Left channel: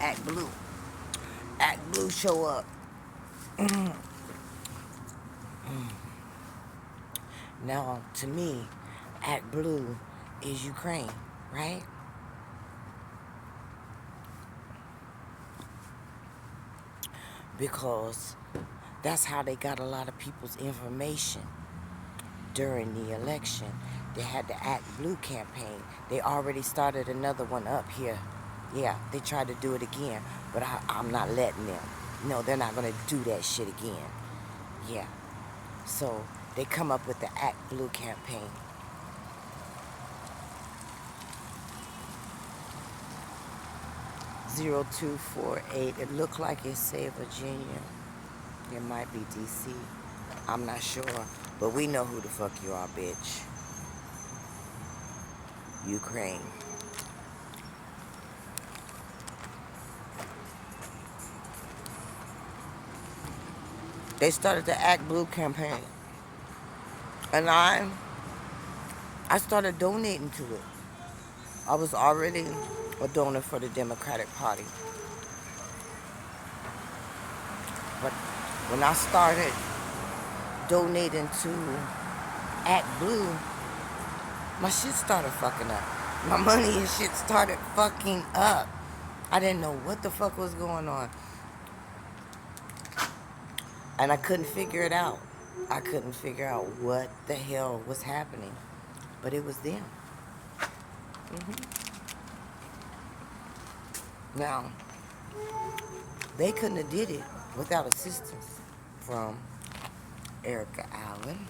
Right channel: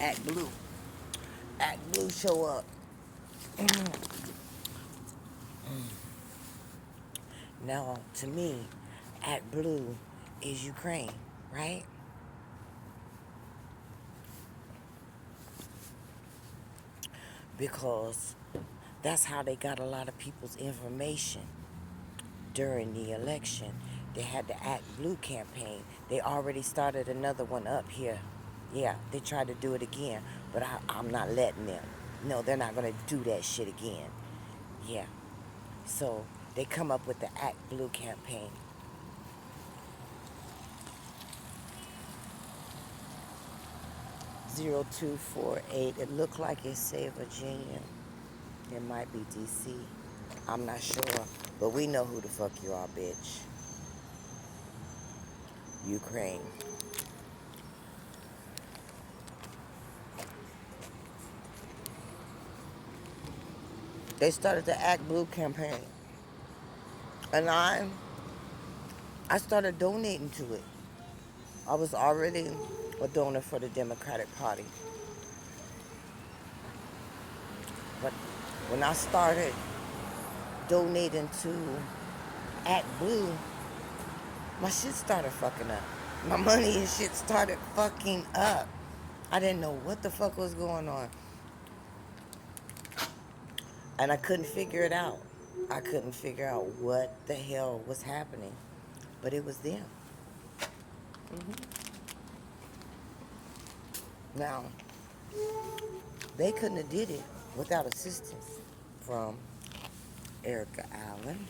Act Blue. Act Blue show up. Now, to me, Act Blue is Ukraine, right? Because that's how they got a lot of people's information during the election. They had the Act Blue campaign. They already started another one up here. Yeah, they tried to do it again, but I'm not letting them. No, they're not going to do that shit again. Yeah. So they come up with the Act Blue campaign. #0248. It looked like it said Virginia. It might be DC. I'm not sure. But we know who the fuck you are, bitch. Ukraine. They started the Act Blue campaign. And I started donating to it. I was already a donor for the Democratic Party. But when I started donating to Act Blue, my shit started fucking up. My money and shit started fucking up. I didn't know what the fuck was going on. And I couldn't figure it out. I couldn't figure out what the hell was happening. But it was them. Now, they couldn't have did it without assistance from Erica Allen,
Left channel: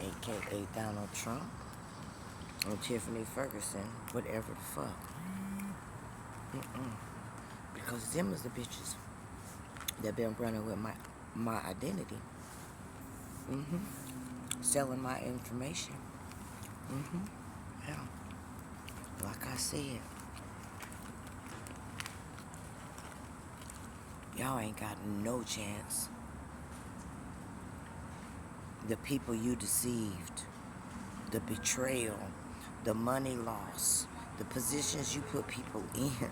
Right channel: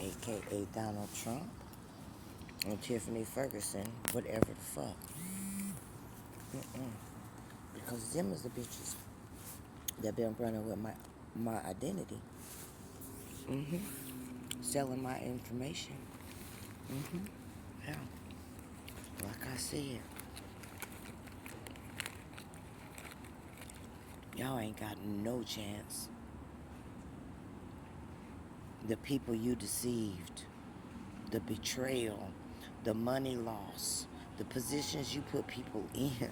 aka Donald Trump, and Tiffany Ferguson, whatever the fuck. Because them is the bitches that been running with my identity. Selling my information. Yeah. Like I said, y'all ain't got no chance. The people you deceived, the betrayal, the money loss, the positions you put people in.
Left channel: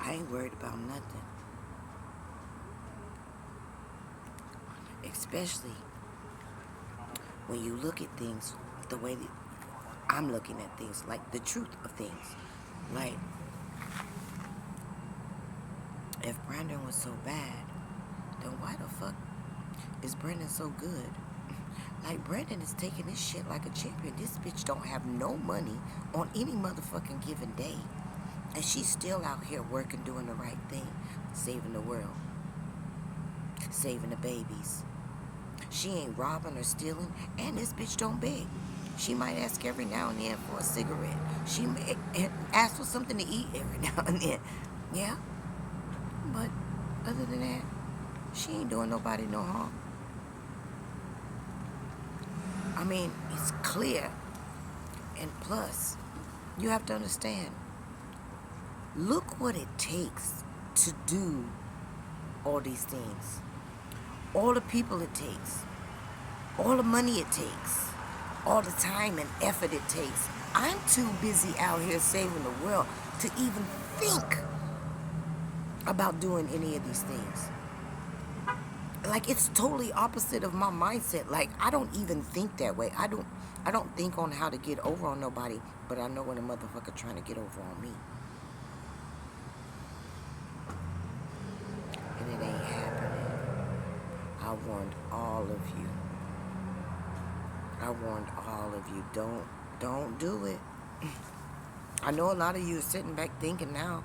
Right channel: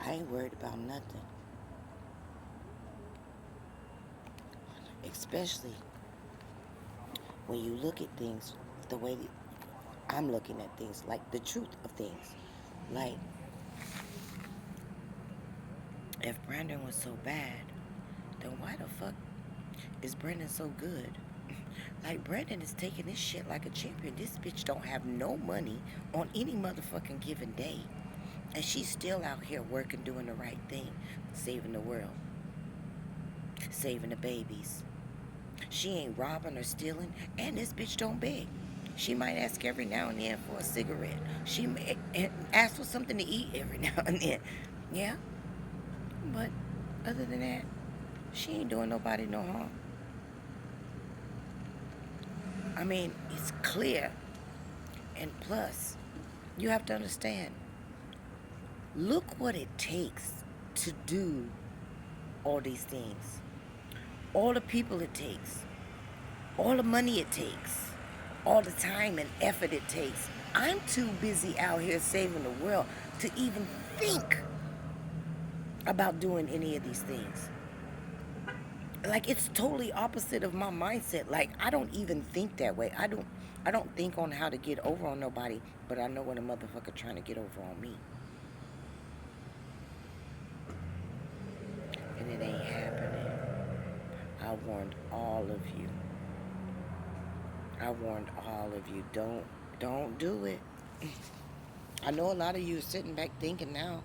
I ain't worried about nothing. Especially when you look at things the way that I'm looking at things, like the truth of things. Like, if Brandon was so bad, then why the fuck is Brandon so good? Like, Brandon is taking this shit like a champion. This bitch don't have no money on any motherfucking given day. And she's still out here working, doing the right thing, saving the world, saving the babies. She ain't robbing or stealing, and this bitch don't beg. She might ask every now and then for a cigarette. She may ask for something to eat every now and then. Yeah? But other than that, she ain't doing nobody no harm. I mean, it's clear. And plus, you have to understand, look what it takes to do all these things. All the people it takes. All the money it takes. All the time and effort it takes. I'm too busy out here saving the world to even think about doing any of these things. Like, it's totally opposite of my mindset. Like, I don't even think that way. I don't think on how to get over on nobody, but I know when a motherfucker trying to get over on me. And it ain't happening. I warned all of you. I warned all of you. Don't do it. I know a lot of you are sitting back thinking now.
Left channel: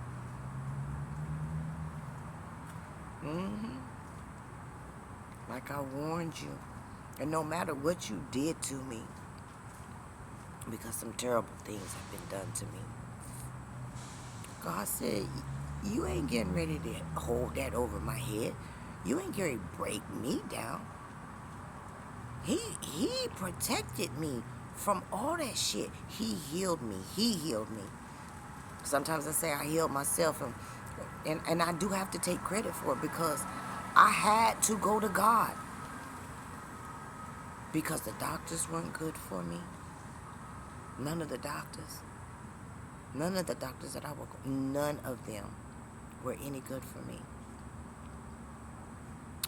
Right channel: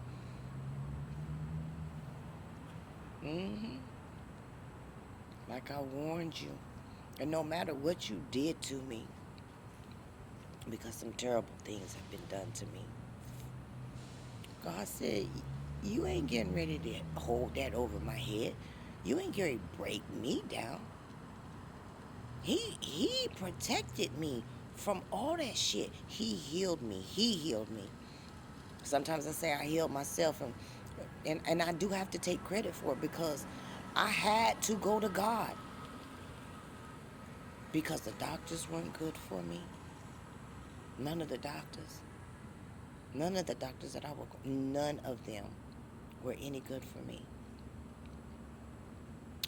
Like I warned you. And no matter what you did to me, because some terrible things have been done to me, God said, you ain't getting ready to hold that over my head. You ain't going to break me down. He protected me from all that shit. He healed me. He healed me. Sometimes I say I healed myself, and I do have to take credit for it, because I had to go to God. Because the doctors weren't good for me. None of the doctors. None of the doctors that I work with, none of them were any good for me.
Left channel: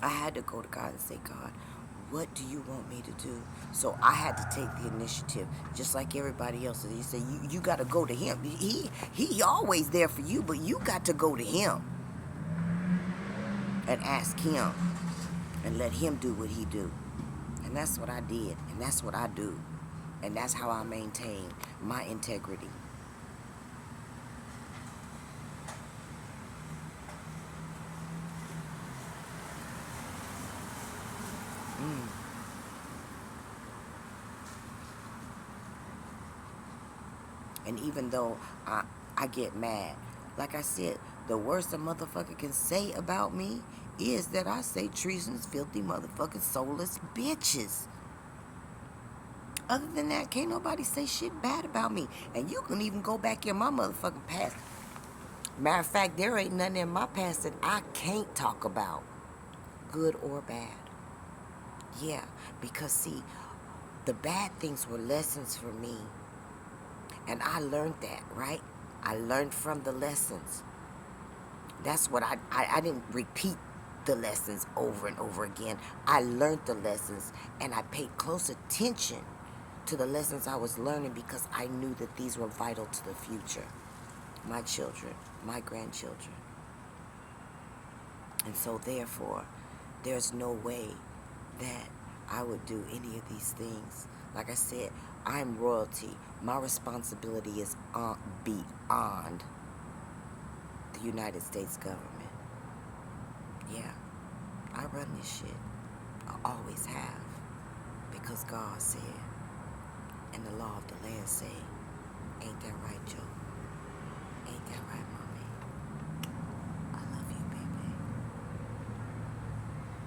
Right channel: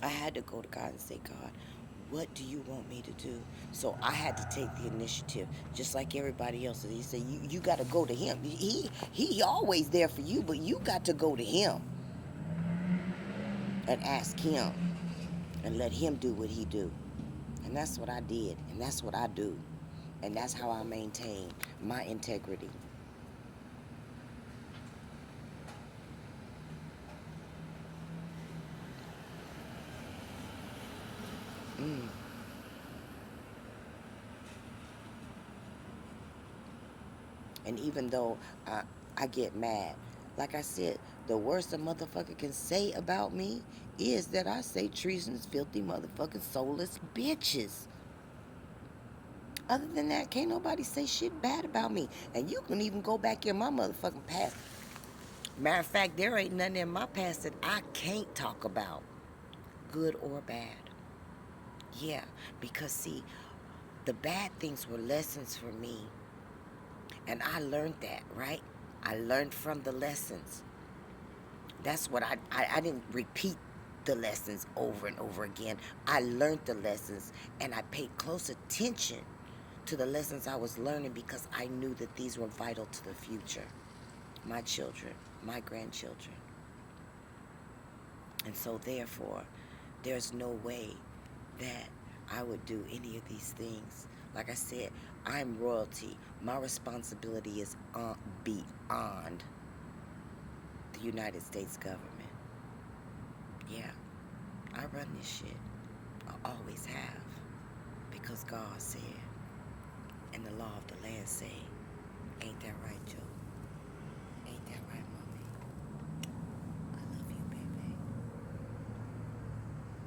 I had to go to God and say, God, what do you want me to do? So I had to take the initiative, just like everybody else. You say you got to go to Him. He always there for you, but you got to go to Him and ask Him and let Him do what He do. And that's what I did, and that's what I do, and that's how I maintain my integrity. Mm. And even though I get mad, like I said, the worst a motherfucker can say about me is that I say treasonous, filthy, motherfucking soulless bitches. Other than that, can't nobody say shit bad about me. And you can even go back in my motherfucking past. Matter of fact, there ain't nothing in my past that I can't talk about, good or bad. Yeah, because see, the bad things were lessons for me. And I learned that, right? I learned from the lessons. That's what I didn't repeat the lessons over and over again. I learned the lessons, and I paid close attention to the lessons I was learning because I knew that these were vital to the future. My children, my grandchildren. And so therefore, there's no way that I would do any of these things. Like I said, I'm royalty. My responsibility is beyond the United States government. Yeah, I run this shit. I always have. Because God said, and the law of the land said,